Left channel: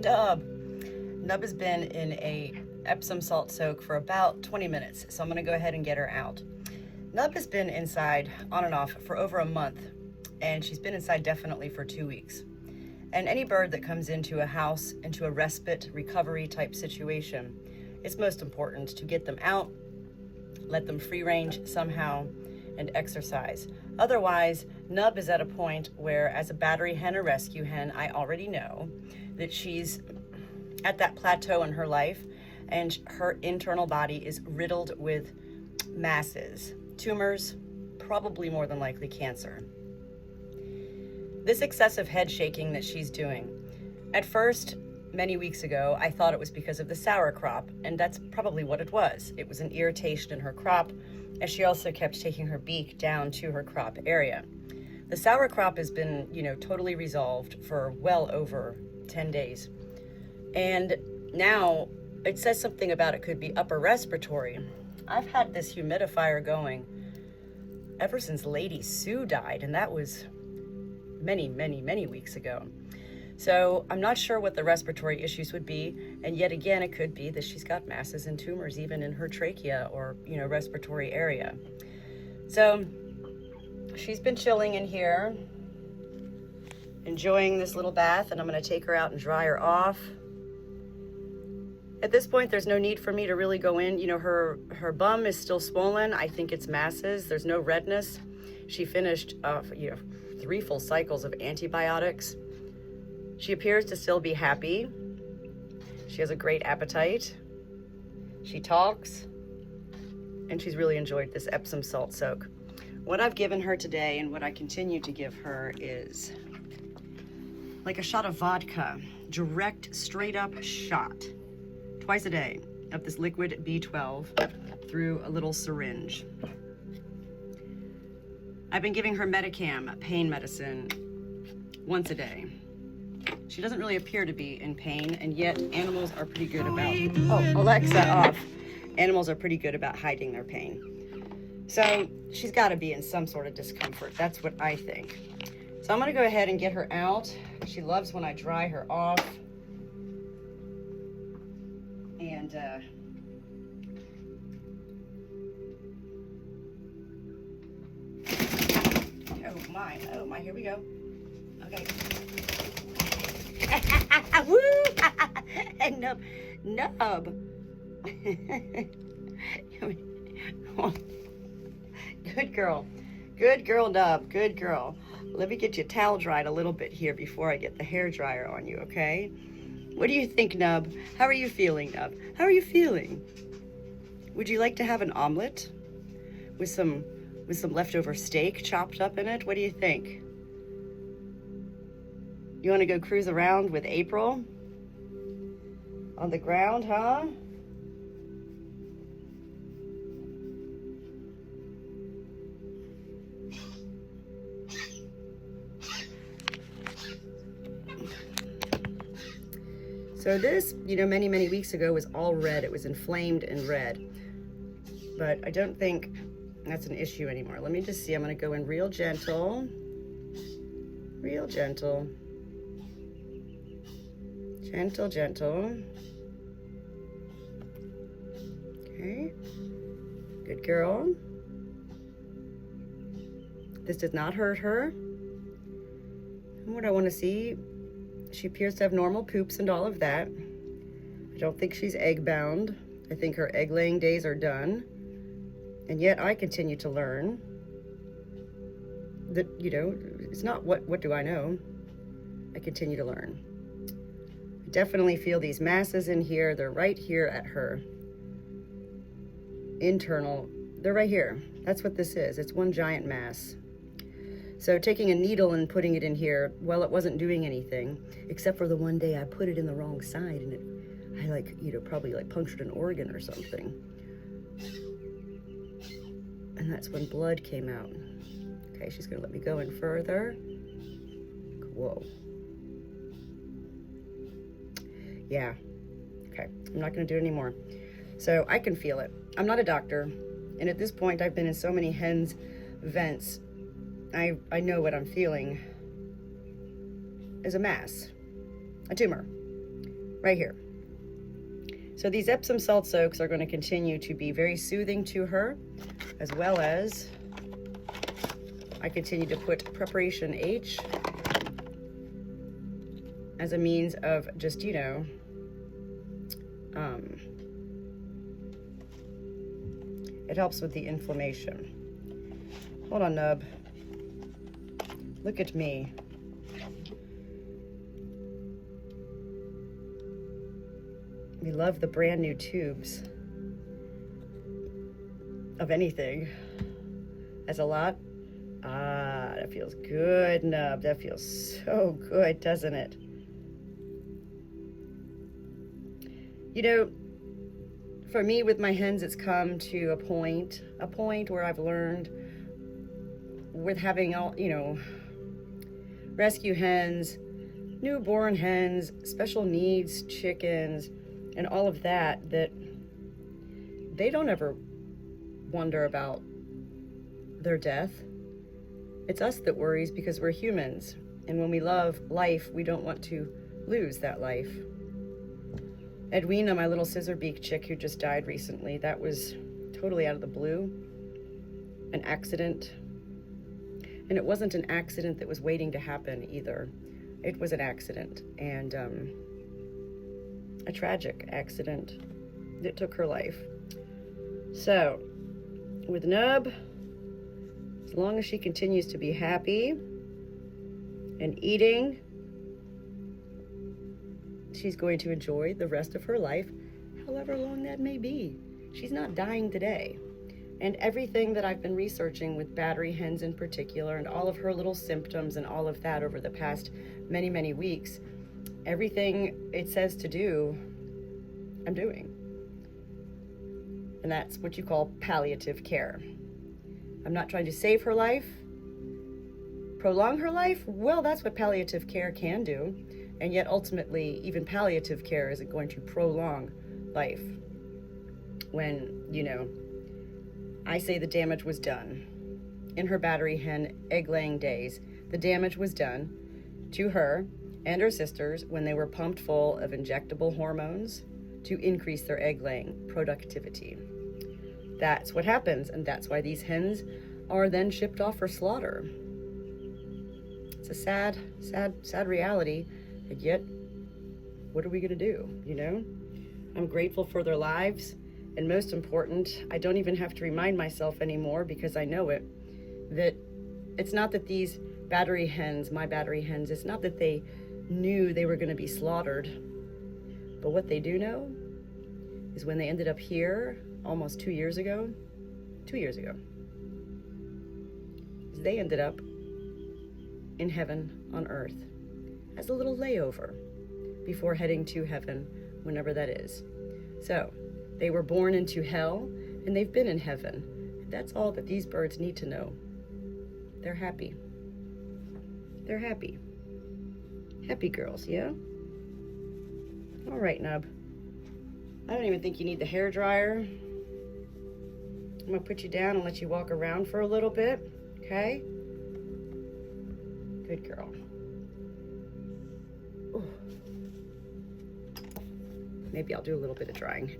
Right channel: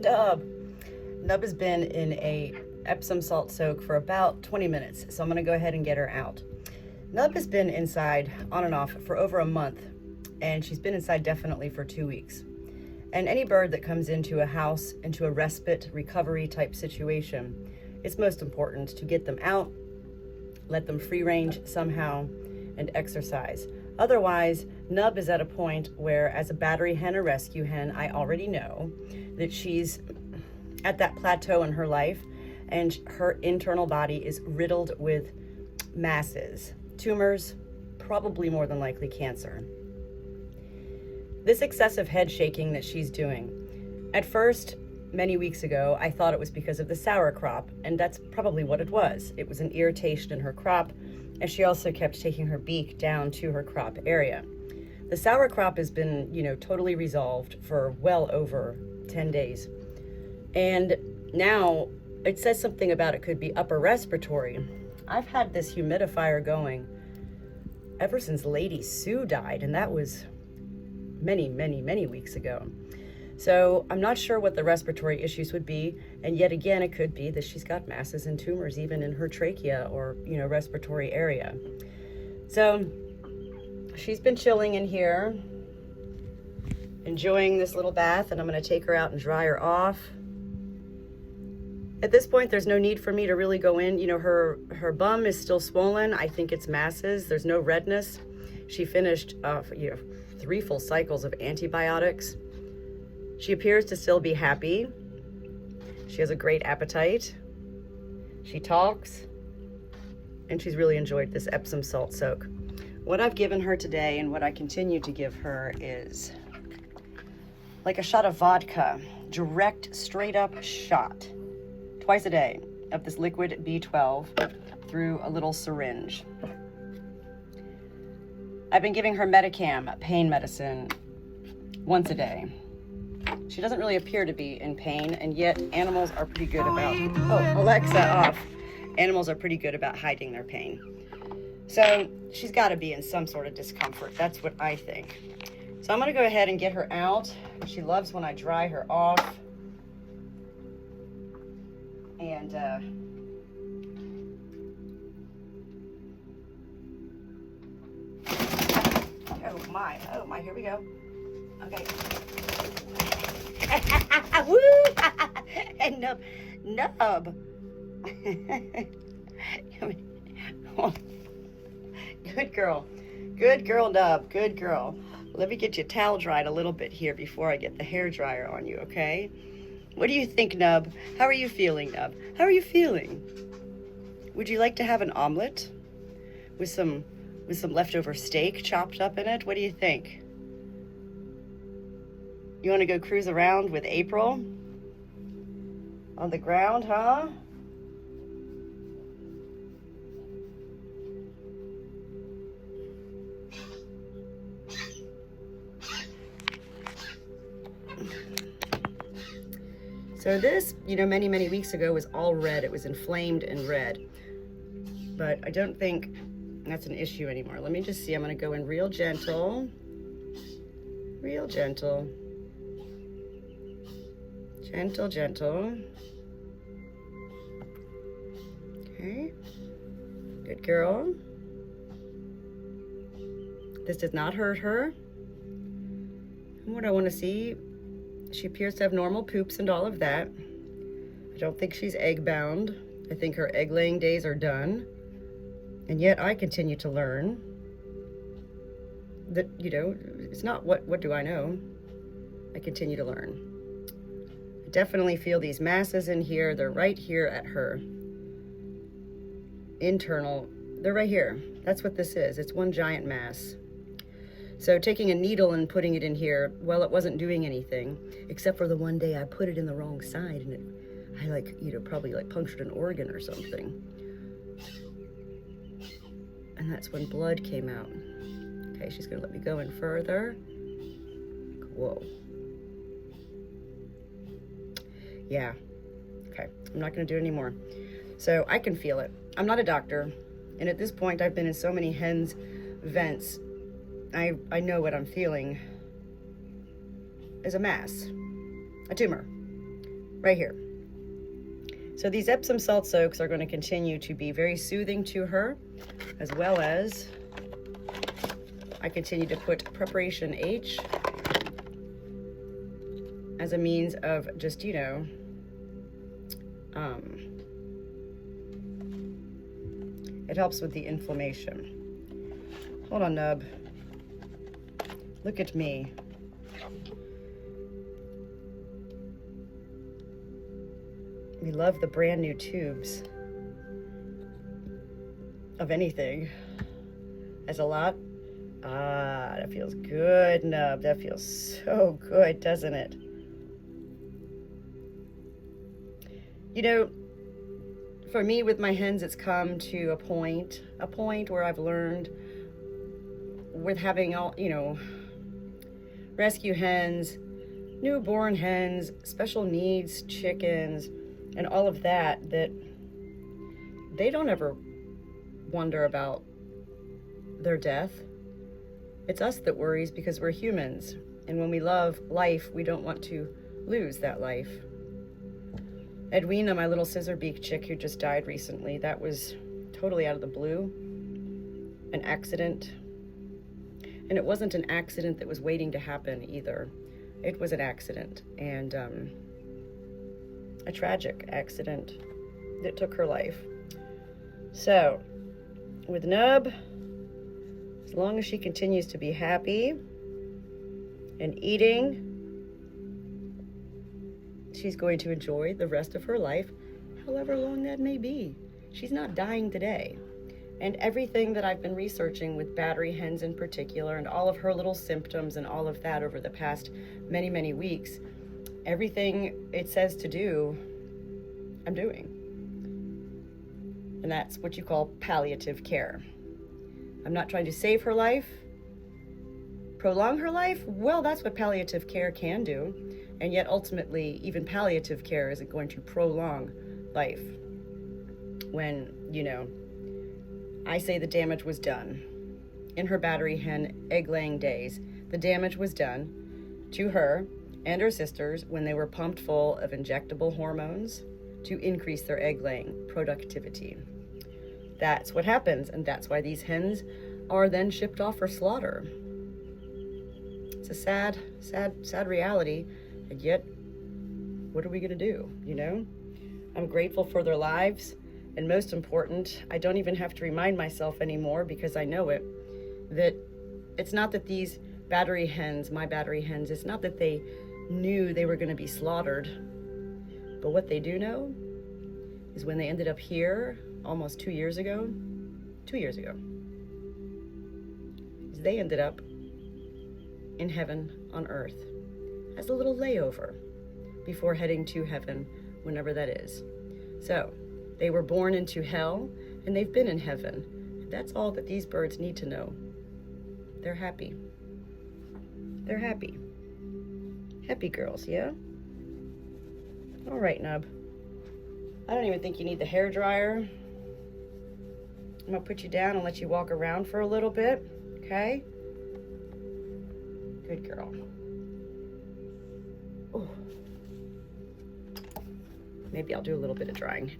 Nub. Nub has been in a Epsom salt soak for about 20 minutes, so I'm gonna go ahead and get her out. Nub has been inside on and off for over a month, and she's been inside definitely for 2 weeks. And any bird that comes into a house, into a respite recovery type situation, it's most important to get them out, let them free range somehow, and exercise. Otherwise, Nub is at a point where, as a battery hen or rescue hen, I already know that she's at that plateau in her life, and her internal body is riddled with masses, tumors, probably more than likely cancer. This excessive head shaking that she's doing, at first, many weeks ago, I thought it was because of the sour crop, and that's probably what it was. It was an irritation in her crop, and she also kept taking her beak down to her crop area. The sour crop has been, totally resolved for well over 10 days. And now it says something about it could be upper respiratory. I've had this humidifier going ever since Lady Sue died, and that was many, many, many weeks ago. So I'm not sure what the respiratory issues would be, and yet again, it could be that she's got masses and tumors even in her trachea or, respiratory area. So she's been chilling in here, enjoying this little bath, and I'm gonna take her out and dry her off. At this point, there's no need for me to really go in. Her bum is still swollen. I think it's masses. There's no redness. She finished, 3 full cycles of antibiotics. She appears to still be happy. She has a great appetite. She talks, and she's really enjoyed this Epsom salt soak. What I've given her today and what I continue to give her is like a shot of vodka, direct, straight up shot, twice a day of this liquid B12 through a little syringe. I've been giving her Medicam, pain medicine, once a day. She doesn't really appear to be in pain, and yet animals are pretty good about, Alexa off. Animals are pretty good about hiding their pain. So she's gotta be in some sort of discomfort. That's what I think. So I'm gonna go ahead and get her out. She loves when I dry her off. And oh my, here we go. Okay. Woo! And Nub. Good girl. Good girl, Nub. Good girl. Let me get you towel dried a little bit here before I get the hair dryer on you, okay? What do you think, Nub? How are you feeling, Nub? How are you feeling? Would you like to have an omelet with some leftover steak chopped up in it? What do you think? You want to go cruise around with April on the ground, huh? So this, many, many weeks ago was all red. It was inflamed and red. But I don't think that's an issue anymore. Let me just see. I'm going to go in real gentle. Real gentle. Gentle, gentle. Okay. Good girl. This did not hurt her. And what I want to see, she appears to have normal poops and all of that. I don't think she's egg bound. I think her egg laying days are done. And yet I continue to learn that, it's not what do I know. I continue to learn. I definitely feel these masses in here. They're right here at her internal. They're right here. That's what this is. It's one giant mass. So taking a needle and putting it in here, well, it wasn't doing anything, except for the one day I put it in the wrong side and I probably punctured an organ or something. And that's when blood came out. Okay, she's gonna let me go in further. Whoa. Yeah, okay, I'm not gonna do it anymore. So I can feel it. I'm not a doctor, and at this point I've been in so many hens' vents, I know what I'm feeling is a mass, a tumor. right here. So these Epsom salt soaks are going to continue to be very soothing to her, as well as I continue to put Preparation H as a means of just, you know, it helps with the inflammation. Hold on, Nub. Look at me. We love the brand new tubes of anything. That's a lot. Ah, that feels good, Nub. That feels so good, doesn't it? You know, for me with my hens, it's come to a point where I've learned with having all, you know, rescue hens, newborn hens, special needs chickens, and all of that, that they don't ever wonder about their death. It's us that worries because we're humans. And when we love life, we don't want to lose that life. Edwina, my little scissor beak chick who just died recently, that was totally out of the blue, an accident. And it wasn't an accident that was waiting to happen either. It was an accident, and a tragic accident that took her life. So, with Nub, as long as she continues to be happy and eating, she's going to enjoy the rest of her life, however long that may be. She's not dying today. And everything that I've been researching with battery hens in particular, and all of her little symptoms and all of that over the past many, many weeks, everything it says to do, I'm doing. And that's what you call palliative care. I'm not trying to save her life, prolong her life. Well, that's what palliative care can do. And yet ultimately, even palliative care isn't going to prolong life. When, you know, I say the damage was done. In her battery hen egg-laying days, the damage was done to her and her sisters when they were pumped full of injectable hormones to increase their egg-laying productivity. That's what happens, and that's why these hens are then shipped off for slaughter. It's a sad, sad, sad reality, and yet, what are we gonna do, you know? I'm grateful for their lives, and most important, I don't even have to remind myself anymore because I know it, that it's not that these battery hens, my battery hens, it's not that they knew they were gonna be slaughtered, but what they do know is when they ended up here almost 2 years ago, is they ended up in heaven on earth as a little layover before heading to heaven, whenever that is. So they were born into hell and they've been in heaven. That's all that these birds need to know. They're happy. They're happy. Happy girls, yeah? All right, Nub. I don't even think you need the hair dryer. I'm gonna put you down and let you walk around for a little bit, okay? Good girl. Ooh. Maybe I'll do a little bit of drying.